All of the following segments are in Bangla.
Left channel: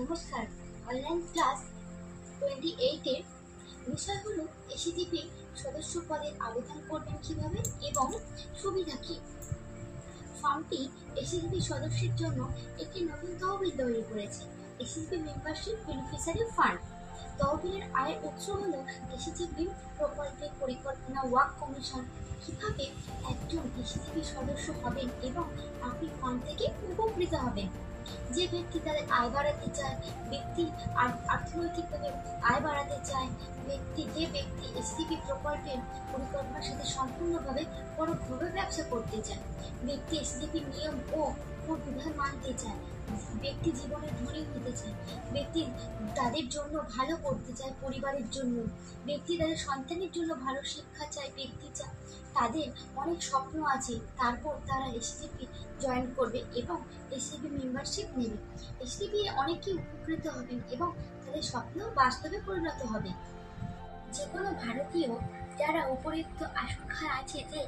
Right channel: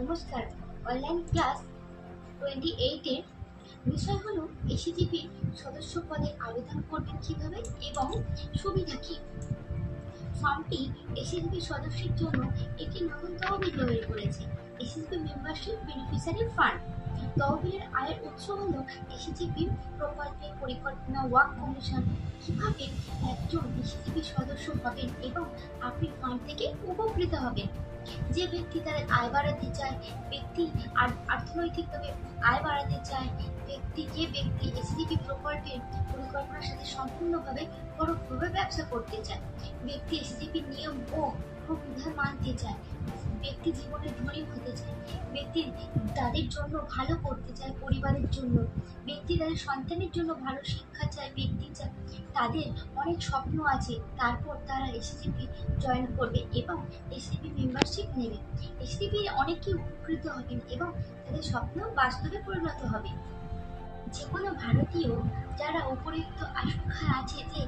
নমস্কার। অনলাইন ক্লাস 28 এর বিষয় হলো এসিজিপি সদস্য পদে আবেদন করবেন কিভাবে এবং সুবিধা কি। ফর্মটি এসিজিপি সদস্যের জন্য একটি নতুন তহবিল তৈরি করেছে, এসিজিপি মেম্বারশিপ বেনিফিশিয়ারি ফান্ড। তহবিলের আয়ের উৎস হল এসিজিপি প্রকল্পের পরিকল্পনা ওয়ার্ক কমিশন। কিভাবে একজন এসিজিপি সদস্য হবেন এবং আপনি ফান্ড থেকে উপকৃত হবেন। যে ব্যক্তি তাদের আয় বাড়াতে চায়, ব্যক্তি অর্থনৈতিকভাবে আয় বাড়াতে চায়, যে ব্যক্তি এসিজিপি প্রকল্পের পরিকল্পনার সাথে সম্পূর্ণভাবে পরোক্ষভাবে ব্যবসা করতে চায়, ব্যক্তি এসিজিপির নিয়ম ও বিধান মানতে চায়, ব্যক্তি জীবনে ধনী হতে চায়, ব্যক্তি তাদের জন্য ভালো করতে চায়, পরিবারের জন্য, ব্যক্তি তাদের সন্তানের জন্য ভালো শিক্ষা চায়, ব্যক্তি চায় তাদের অনেক স্বপ্ন আছে, তারপর তারা এসিজিপি জয়েন করবে এবং এসিজিপি মেম্বারশিপ নেবে। এসিজিপি অনেকেই উপকৃত হবেন এবং তাদের স্বপ্ন বাস্তবে পরিণত হবে। যে কোনো ভারতীয় যারা উপরিউক্ত আশঙ্কায় আছে যে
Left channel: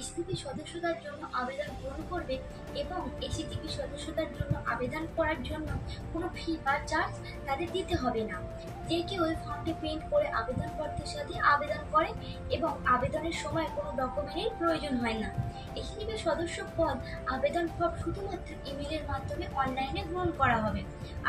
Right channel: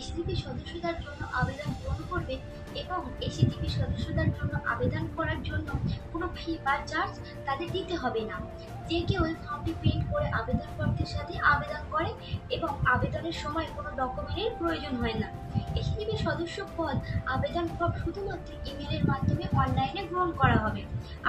এসিজিপি সদস্যতার জন্য আবেদন পূরণ করবে এবং এসিজিপি সদস্যতার জন্য আবেদন করার জন্য কোনো ফি বা চার্জ তাদের দিতে হবে না। যে কেউ ওই ফর্মটি প্রিন্ট করে আবেদনপত্রের সাথে আবেদন করে এবং আবেদনের সময় কোনো ডকুমেন্টের প্রয়োজন হয় না। এসিজিপি সদস্য পদ আবেদন ফর্ম শুধুমাত্র ইমেলের মাধ্যমে অনলাইনে গ্রহণ করা হবে।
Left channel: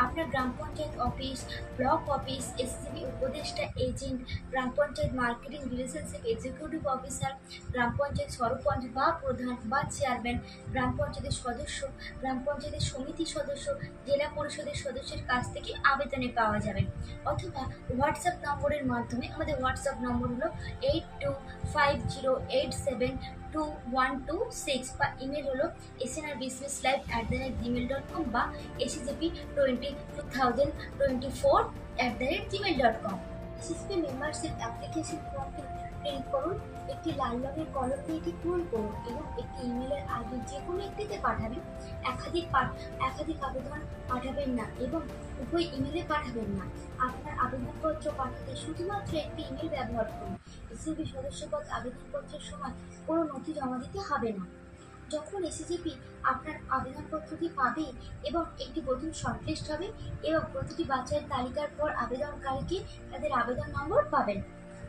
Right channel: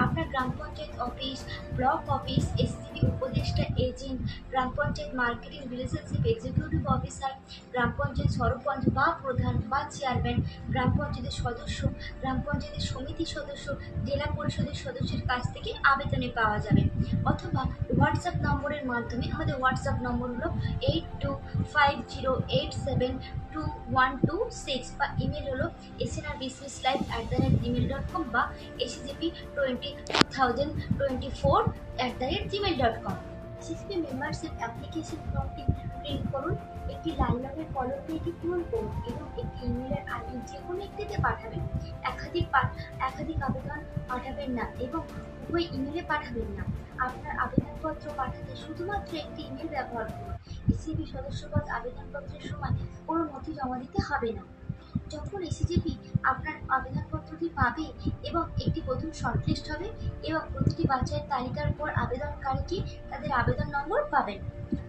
আপনার গ্রাম panchayat office, block office, ACGP উপদেষ্টা এজেন্ট, গ্রাম panchayat marketing relationship executive officer, গ্রাম পঞ্চায়েত সরপঞ্চ বা প্রধান বা চেয়ারম্যান, গ্রাম পঞ্চায়েতের সদস্য, গ্রাম পঞ্চায়েতের সমিতি সদস্য, জেলা পরিষদের সদস্যের কাছ থেকে আবেদনে পাওয়া যাবে। অথবা হোয়াটসঅ্যাপ নম্বরের মাধ্যমে, আমাদের হোয়াটসঅ্যাপ নম্বর হলো 8250872126 বা ইমেল হলো snrbusinesslive@gmail.com বা acgp2024@gmail.com। এসিজিপি মেম্বারশিপ অ্যাপ্লিকেশন ফর্মটি প্রিন্ট করুন, একটি লাল রঙের কলম দিয়ে এটি পূরণ করুন এবং একটি ইমেলের আইডি যে কোনো একটিতে পাঠাবেন। একাধিক আবেদন পাঠাবেন না এবং উভয় ইমেলে পাঠাবেন না। আপনার আবেদনপত্র পাঠাতে শুধুমাত্র একটি ইমেল ব্যবহার করুন। এসিজিপি সদস্যপদ আবেদনপত্রের সময় কোনো নথি জমা দিতে হবে না। যখন এসিজিপি আপনার আবেদনপত্রটি পাবে এবং একটি প্রথম শর্টলিস্ট হবে এবং প্রতিটি বাছাইয়ের তালিকার পর আবেদনকারীকে তাদের আবেদন নম্বর পাবেন।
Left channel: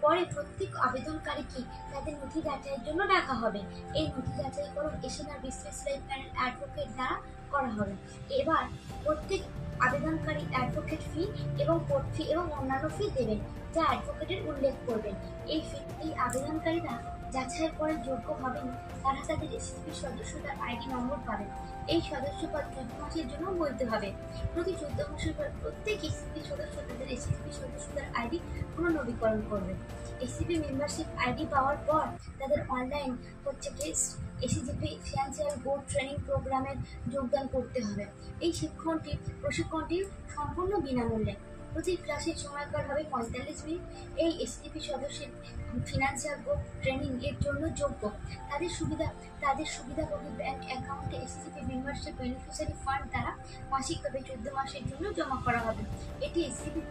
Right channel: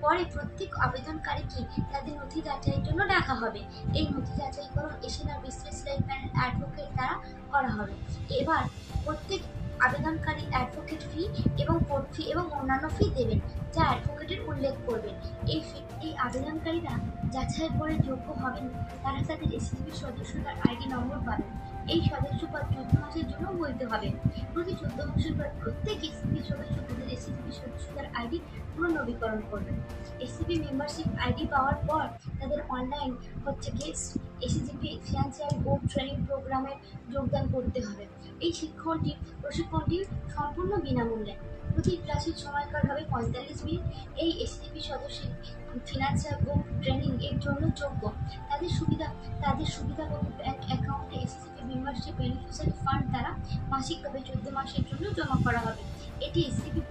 পরে প্রত্যেক আবেদনকারীকে তাদের নথি যাচাইয়ের জন্য ডাকা হবে। এই নথি যাচাইকরণ SNR business life panel advocate দ্বারা করা হবে। এবার প্রত্যেক আবেদনকারী অ্যাডভোকেট ফি এবং কোর্ট ফি এবং অন্যান্য ফি দেবেন, যা অ্যাডভোকেটের উল্লেখ করবেন। এই আবেদনকারীরা যাচাইয়ের পরে যোগ্য হবেন, তারা তাদের এসিজিপি সদস্যতার আইডি নম্বর পাবেন। এই সদস্যপদ 14 মাসের জন্য বৈধ হবে। প্রতি 14 মাসের পর প্রত্যেক এসিজিপি সদস্য তাদের এসিজিপি সদস্যতার আইডি পুনর্নবীকরণ করবেন। এসিজিপি মেম্বারশিপ আইডি পাওয়ার পর তাদের অনলাইন এসিজিপি ফিনান্সিয়াল বোর্ড ট্রেনিং প্রোগ্রামে যোগদান করতে হবে। এই প্রশিক্ষণটি সম্পূর্ণ বিনামূল্যে। প্রতি ক্লাসের সময়কাল হবে 45 মিনিট। এই এসিজিপি সদস্যের ফিনান্সিয়াল বোর্ড ট্রেনিং এর জন্য যোগ্য। তাদের সুবিধাভোগী ব্যাংক অ্যাকাউন্টে এসিজিপি মেম্বারশিপ বেনিফিশিয়ারি ফান্ড দ্বারা মাসিকভাবে 14 মাসের জন্য জমা করা হবে। এটি এসিজিপি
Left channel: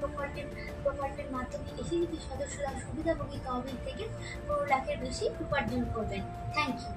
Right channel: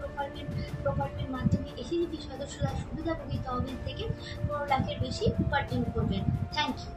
প্রকল্পের মাধ্যমে এসিজিপি সদস্যরা সুবিধাভোগী তহবিল থেকে 15 লাখের বেশি উপার্জন করবেন। Thank you.